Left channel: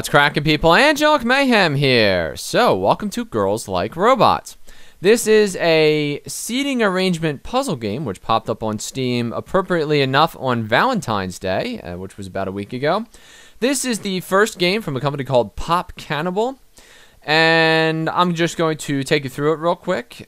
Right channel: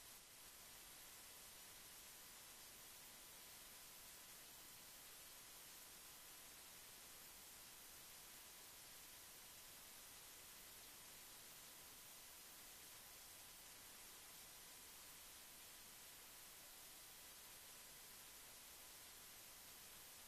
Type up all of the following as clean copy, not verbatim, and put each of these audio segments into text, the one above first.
What's cracking, people? Angelic Mayhem here. So, welcome to Girls Like Robots. This is a seating arrangement puzzle game which popped up on Steam appropriately enough on Valentine's Day, which was about a week ago. This is the first game from a company called Popcannibal, and I'm just going to take you through it real quick.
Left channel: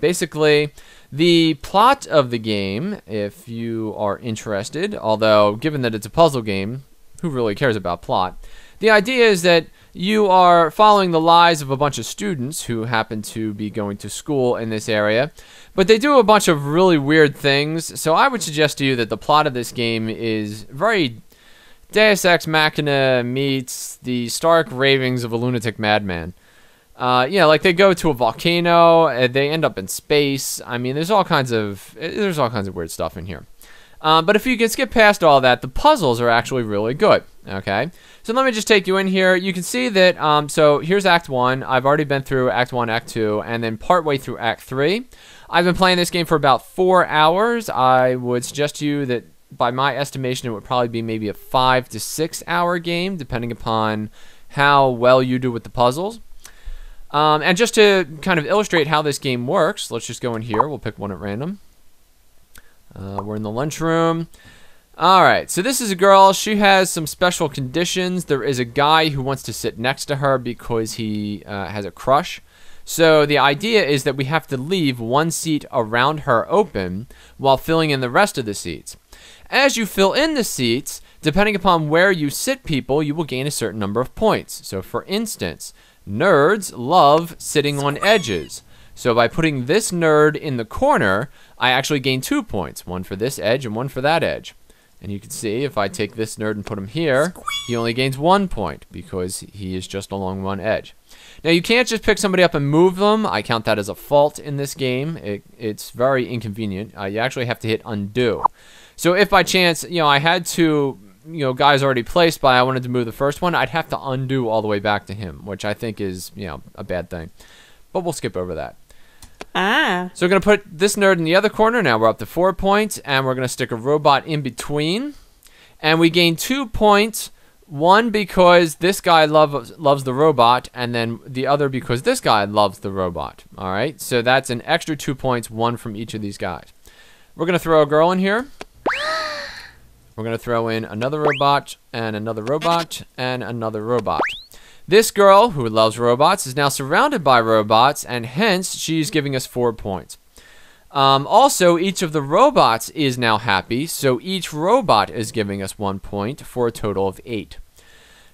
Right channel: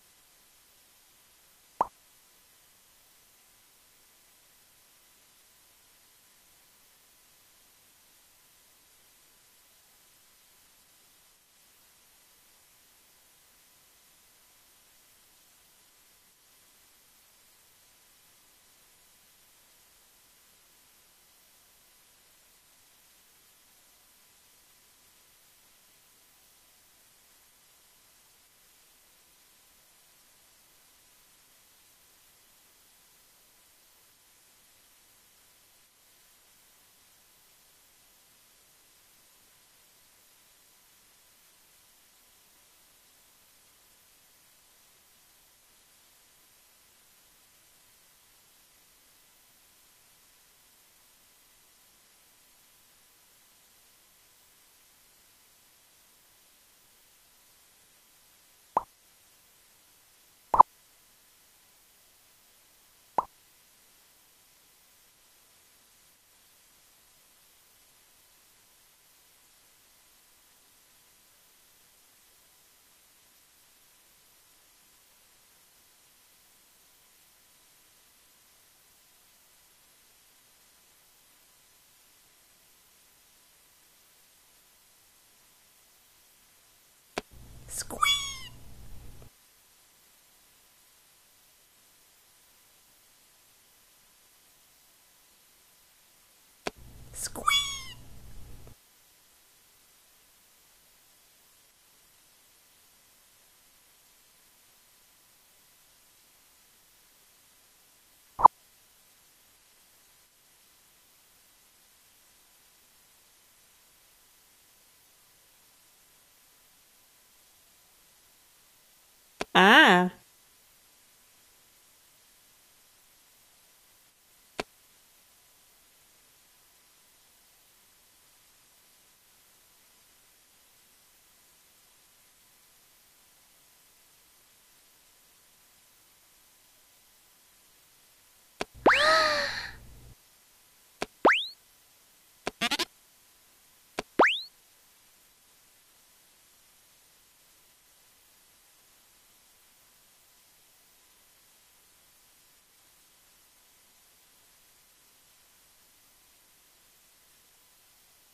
Basically, the plot of the game, if you are interested, although given that it's a puzzle game, who really cares about plot? The idea is that you are following the lives of a bunch of students who happen to be going to school in this area, but they do a bunch of really weird things. So I would suggest to you that the plot of this game is very Deus Ex Machina meets the stark ravings of a lunatic madman. Like they go to a volcano, they end up in space. I mean, there's all kinds of weird stuff in here. But if you can skip past all that, the puzzles are actually really good. Okay, so let me just take you in here. You can see that, so here's Act 1. I've already been through Act 1, Act 2, and then partway through Act 3. I've been playing this game for about 4 hours. I would suggest to you that, by my estimation, it would probably be maybe a 5 to 6 hour game, depending upon how well you do with the puzzles. And just to kind of illustrate how this game works, let's just go in here. We'll pick one at random. We're in the lunchroom. Alright, so this is a girl. She has some special conditions. There is a guy who wants to sit next to her because he has a crush. So the idea is that we have to leave one seat around her open while filling in the rest of the seats. As you fill in the seats, depending upon where you sit people, you will gain a certain number of points. So for instance, nerds love sitting on edges. So by putting this nerd in the corner, I actually gain 2 points. One for this edge and one for that edge. And you can see if I take this nerd and put him here, he only gains 1 point because he is just along one edge. Now you can't just pick somebody up and move them. I count that as a fault in this game. It's very inconvenient. You actually have to hit undo. So if by chance, I had to, guys already placed, but I wanted to move the first one, I'd have to undo all the way back to him, which I think is, a bad thing. But we'll skip over that. So we're going to put this nerd in the other corner. Now we're up to 4 points, and we're going to stick a robot in between. And we gain 2 points. One because this guy loves the robot, and then the other because this guy loves the robot. All right, so that's an extra 2 points, one from each of these guys. We're going to throw a girl in here. We're going to throw in another robot, and another robot, and another robot. This girl, who loves robots, is now surrounded by robots, and hence, she's giving us 4 points. Also, each of the robots is now happy, so each robot is giving us 1 point for a total of 8.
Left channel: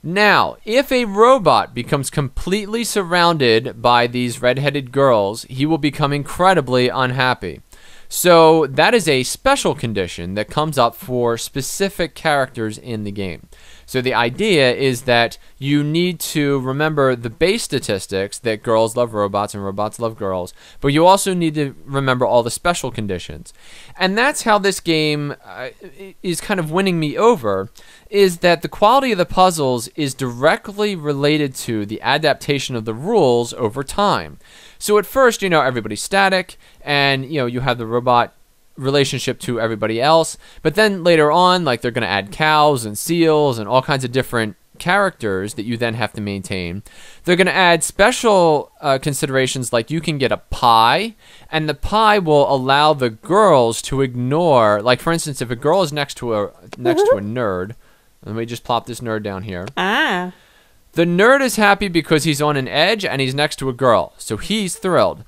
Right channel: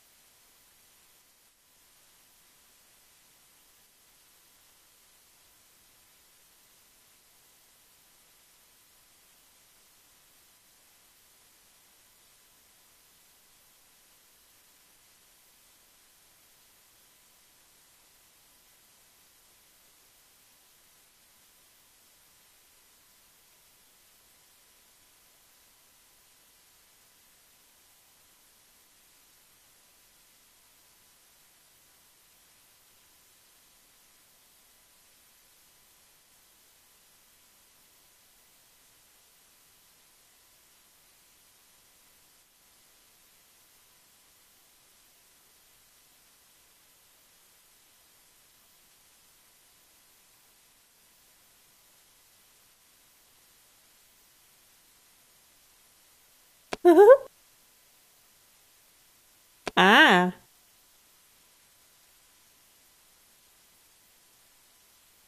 Now, if a robot becomes completely surrounded by these red-headed girls, he will become incredibly unhappy. So, that is a special condition that comes up for specific characters in the game. So the idea is that you need to remember the base statistics that girls love robots and robots love girls, but you also need to remember all the special conditions. And that's how this game is kind of winning me over, is that the quality of the puzzles is directly related to the adaptation of the rules over time. So at first, everybody's static, and, you have the robot relationship to everybody else, but then later on, like, they're going to add cows and seals and all kinds of different characters that you then have to maintain. They're going to add special considerations, like you can get a pie, and the pie will allow the girls to ignore, like, for instance, if a girl is next to a nerd, let me just plop this nerd down here. The nerd is happy because he's on an edge and he's next to a girl, so he's thrilled.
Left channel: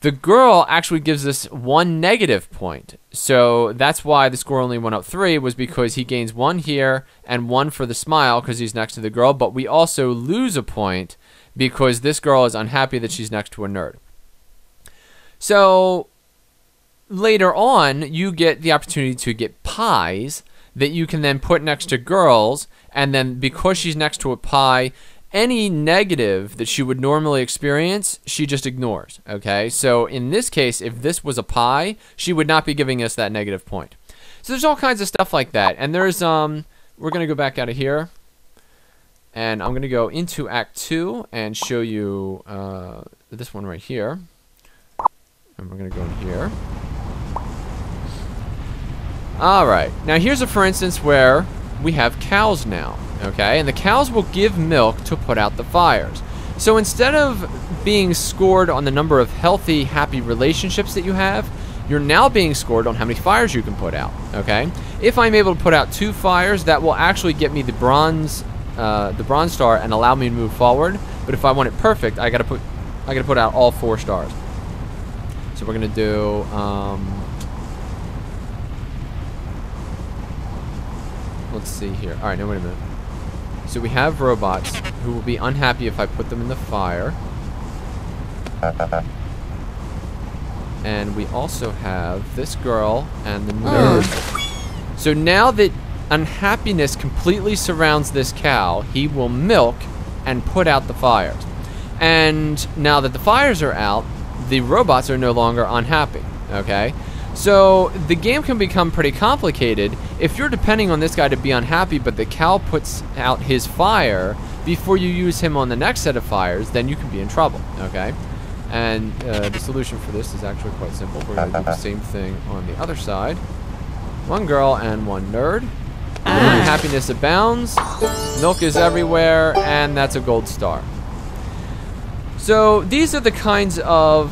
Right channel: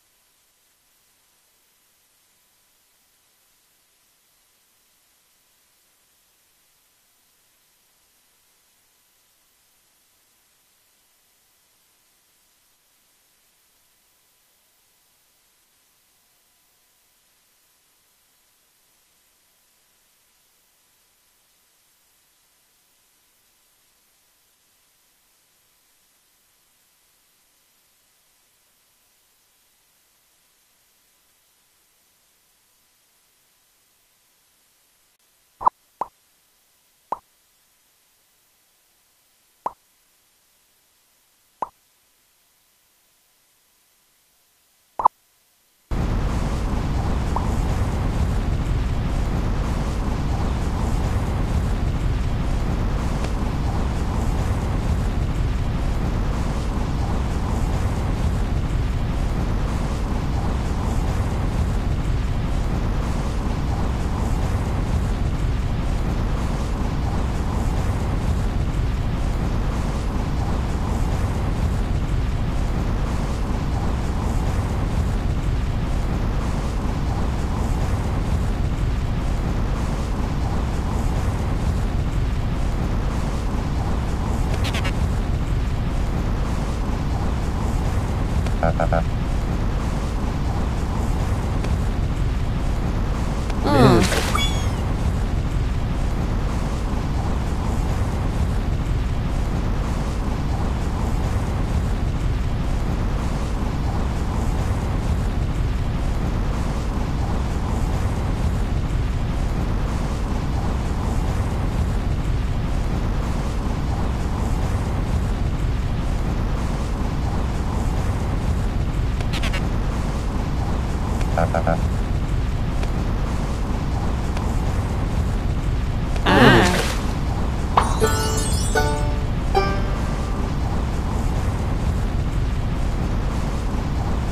The girl actually gives us 1 negative point. So that's why the score only went up 3, was because he gains 1 here and 1 for the smile because he's next to the girl. But we also lose a point because this girl is unhappy that she's next to a nerd. So later on, you get the opportunity to get pies that you can then put next to girls. And then because she's next to a pie, any negative that she would normally experience, she just ignores, okay? So in this case, if this was a pie, she would not be giving us that negative point. So there's all kinds of stuff like that. And there's, we're going to go back out of here. And I'm going to go into Act 2 and show you this one right here. And we're going to go here. All right. Now here's a for instance where we have cows now. okay? And the cows will give milk to put out the fires. So instead of being scored on the number of healthy, happy relationships that you have, you're now being scored on how many fires you can put out, okay? If I'm able to put out 2 fires, that will actually get me the bronze star and allow me to move forward. But if I want it perfect, I gotta put out all 4 stars. So we're gonna do, let's see here. All right, no, wait a minute. So we have robots who will be unhappy if I put them in the fire. And we also have this girl and the man. So now that unhappiness completely surrounds this cow, he will milk and put out the fires. And now that the fires are out, the robots are no longer unhappy, okay? So the game can become pretty complicated. If you're depending on this guy to be unhappy, but the cow puts out his fire before you use him on the next set of fires, then you can be in trouble, okay? And the solution for this is actually quite simple. We're going to do the same thing on the other side. 1 girl and 1 nerd. Happiness abounds. Milk is everywhere, and that's a gold star. So these are the kinds of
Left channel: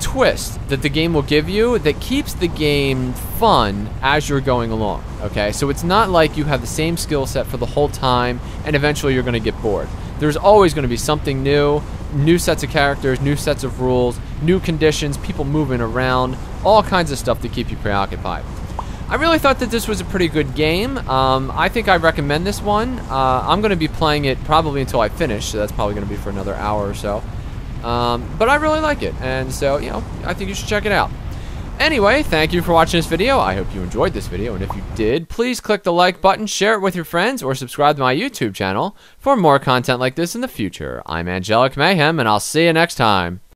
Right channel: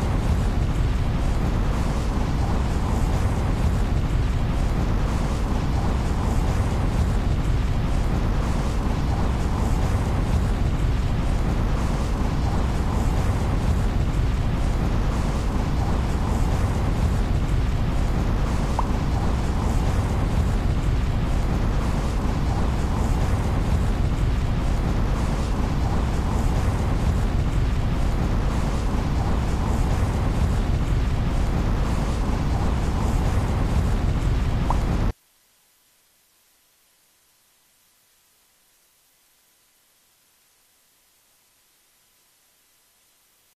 twists that the game will give you that keeps the game fun as you're going along, okay? So it's not like you have the same skill set for the whole time, and eventually you're going to get bored. There's always going to be something new, new sets of characters, new sets of rules, new conditions, people moving around, all kinds of stuff to keep you preoccupied. I really thought that this was a pretty good game. I think I recommend this one. I'm going to be playing it probably until I finish, so that's probably going to be for another hour or so. But I really like it, and so, you know, I think you should check it out. Anyway, thank you for watching this video. I hope you enjoyed this video, and if you did, please click the like button, share it with your friends, or subscribe to my YouTube channel for more content like this in the future. I'm Angelic Mayhem, and I'll see you next time.